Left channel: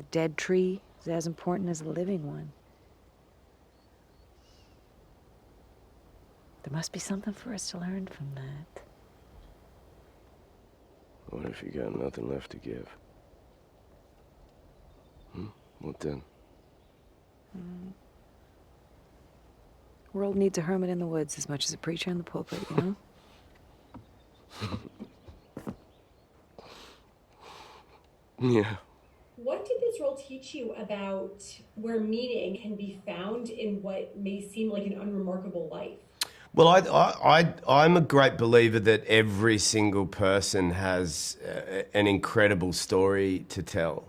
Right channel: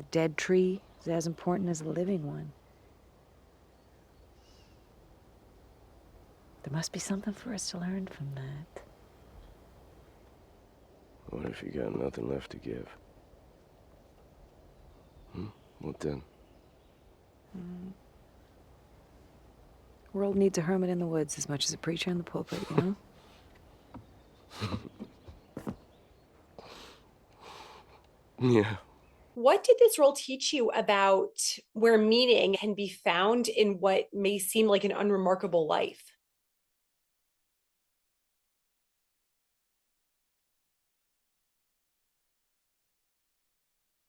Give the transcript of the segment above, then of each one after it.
The dead tree is as important as the living one. There must be something for us to learn from that. What if you got nothing left to give? What then? World needs a hermit in the woods as much as a preacher in the pulpit, you know? Yeah. What did this role teach you about where meaning can be found in what may seem like an unremarkable life? Well, I'm a great believer that every single person has an incredible story to tell,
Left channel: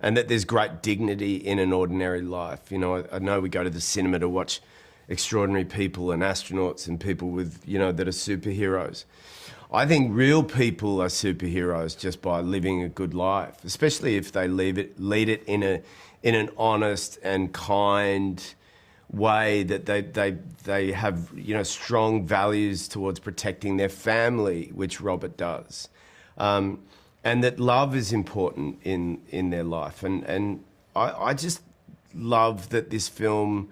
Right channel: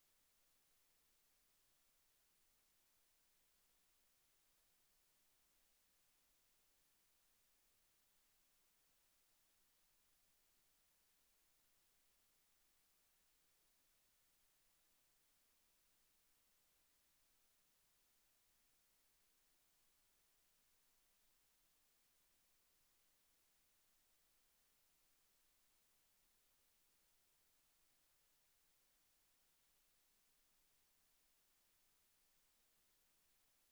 and that there's great dignity in an ordinary life. You know, I know we go to the cinema to watch extraordinary people and astronauts and people with, you know, that are superheroes. I think real people are superheroes just by living a good life, especially if they lead it in an honest and kind way, that they have, you know, strong values towards protecting their family, which Robert does, and that love is important in their life. And I just love that this film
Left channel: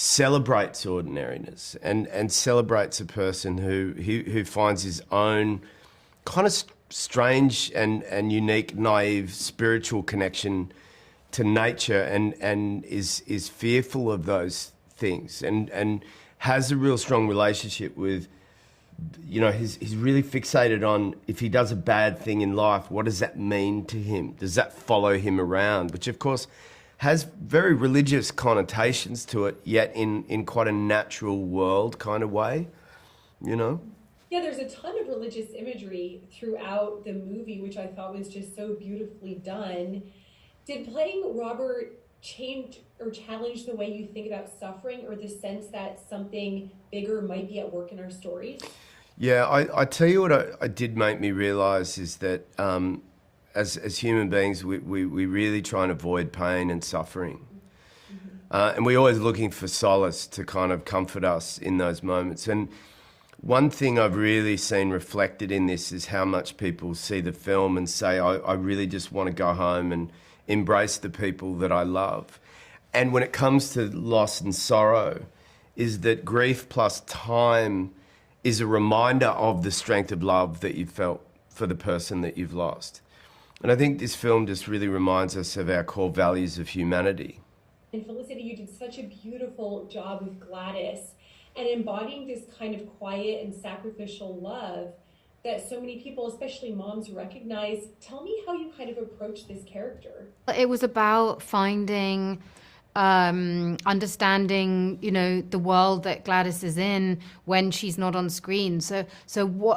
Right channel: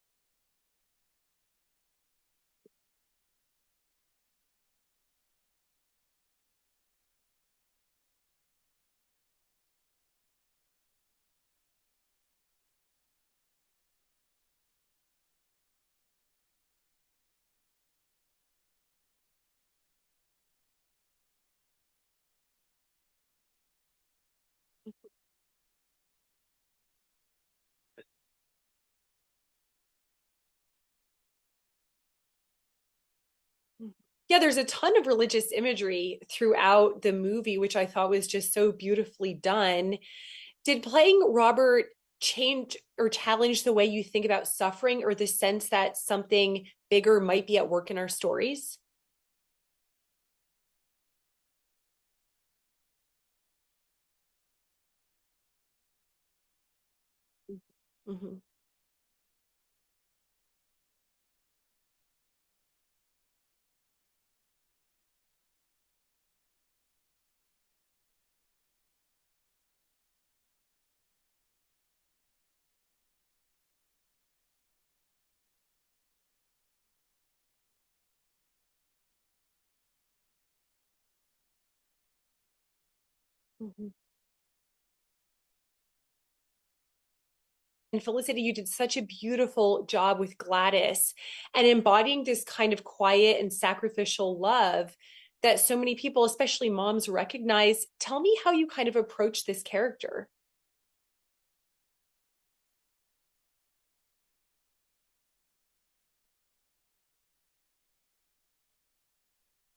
celebrates ordinariness and celebrates a person who finds his own kind of strange and unique, naive spiritual connection to nature, and is fearful of those things, and has a real strong relationship with, you know, he's really fixated on, if he does a bad thing in life, what does that mean to him? Does that follow him around? Which of course has very religious connotations to it, yet in quite a natural world kind of way, you know? Yeah, there's a ton of religious imagery throughout the movie, which I thought was just so beautifully done. Did playing Robert change or challenge the way you think about suffering, or the sense that something bigger might be at work in our stories? Yeah, I tell you what I did make me realise is that as human beings, we really try and avoid pain and suffering. And we're always looking for solace to kind of comfort us in those moments. And one thing I've really seen reflected in this is how much people see the film and say, I really just want to go home and embrace the people that I love. And when it comes to loss and sorrow, is that grief plus time is a reminder of the strength of love that you felt for the person that you've lost. And I think this film just really reminds us of our core values of humanity. And Felicity, you did such a beautiful job with Gladys and embodying this kind of quiet and sacrificial love that so many people, especially moms, recognize. Tell me how you kind of approach this character. It was about finding, understanding, you know, the world that Gladys is in when she's not on screen. So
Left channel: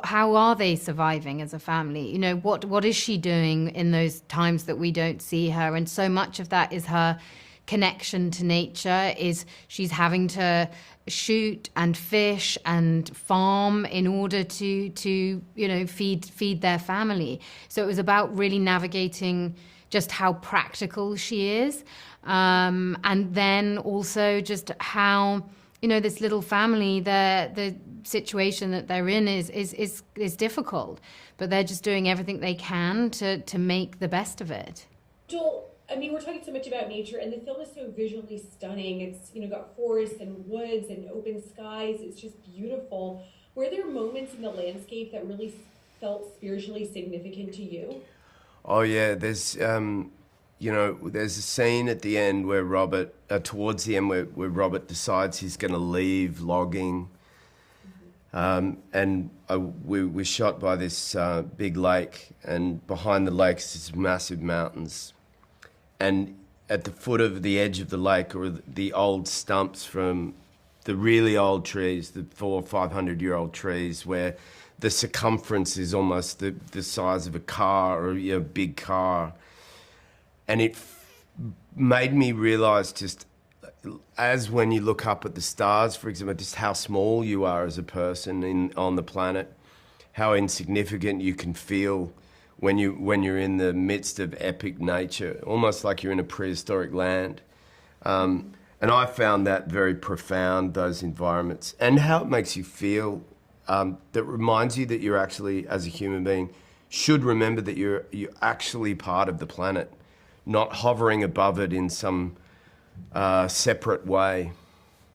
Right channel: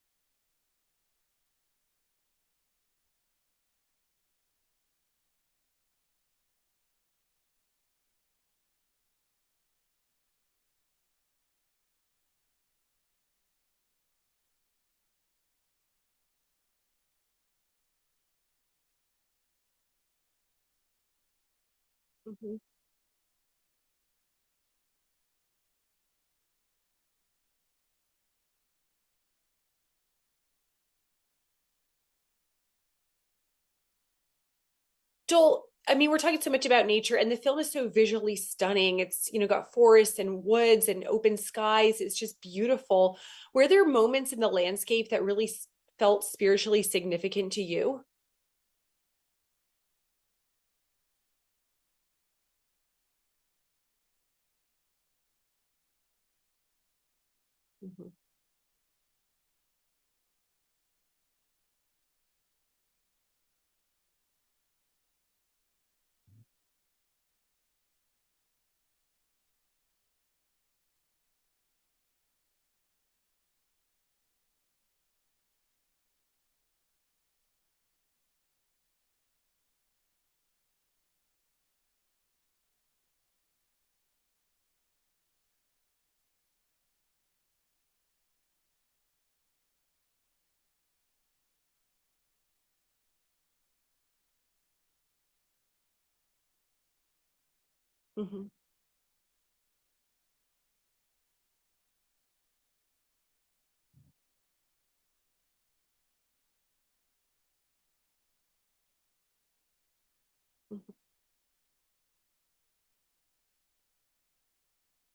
how are they surviving as a family? You know, what is she doing in those times that we don't see her? And so much of that is her connection to nature, is she's having to shoot and fish and farm in order to you know, feed their family. So it was about really navigating just how practical she is, and then also just how, you know, this little family, the situation that they're in is difficult, but they're just doing everything they can to make the best of it. Joel, I mean, we're talking so much about nature, and the film is so visually stunning. It's, you know, got forests and woods and open skies. It's just beautiful. Were there moments in the landscape that really felt spiritually significant to you? Oh yeah, there's you know, there's a scene at the end where Robert, towards the end, where Robert decides he's going to leave logging, and we're shot by this big lake, and behind the lake is these massive mountains. And at the foot of the edge of the lake are the old stumps from the really old trees, the 400 or 500-year-old trees, where the circumference is almost the size of a car, or, you know, a big car. And it made me realise, just as when you look up at the stars, for example, just how small you are as a person on the planet, how insignificant you can feel when you're in the midst of epic nature, almost like you're in a prehistoric land. And I found that very profound, those environments, and how it makes you feel, that reminds you that you're actually, as a human being, should remember that you're actually part of the planet, not hovering above it in some separate way.